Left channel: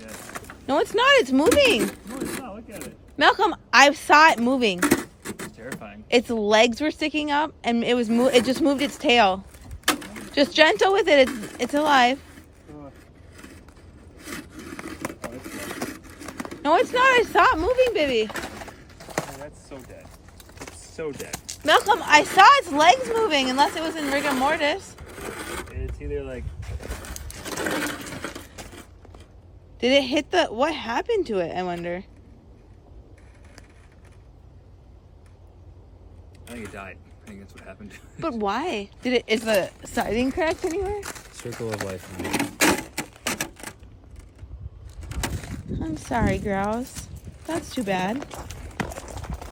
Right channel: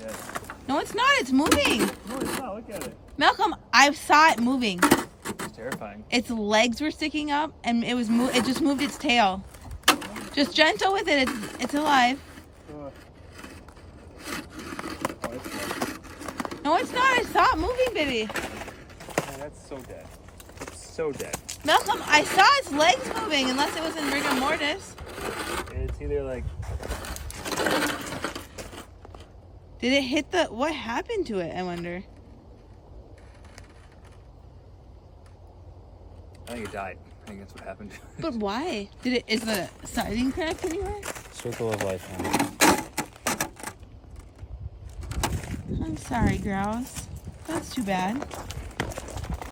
Yes. No, it's not. It's moving. No, it's not. Look at it. Malcolm, I saw it moving. It's terrifying. Its legs were sticking up, and it just moved its tail. Just gentle with it. It's alive. Oh, it's dead. No, it's not. I saw it moving, baby. Oh, that's so dead. It's so dead. Malcolm, I saw its legs moving, unless it was in rigor mortis. It's either like... Did it hit the... What happened to it, I wonder? I think it died. I think that's what happened. But why? Is the siding cracked anywhere? Circle of life now. I'm sorry, grouse. That's too bad.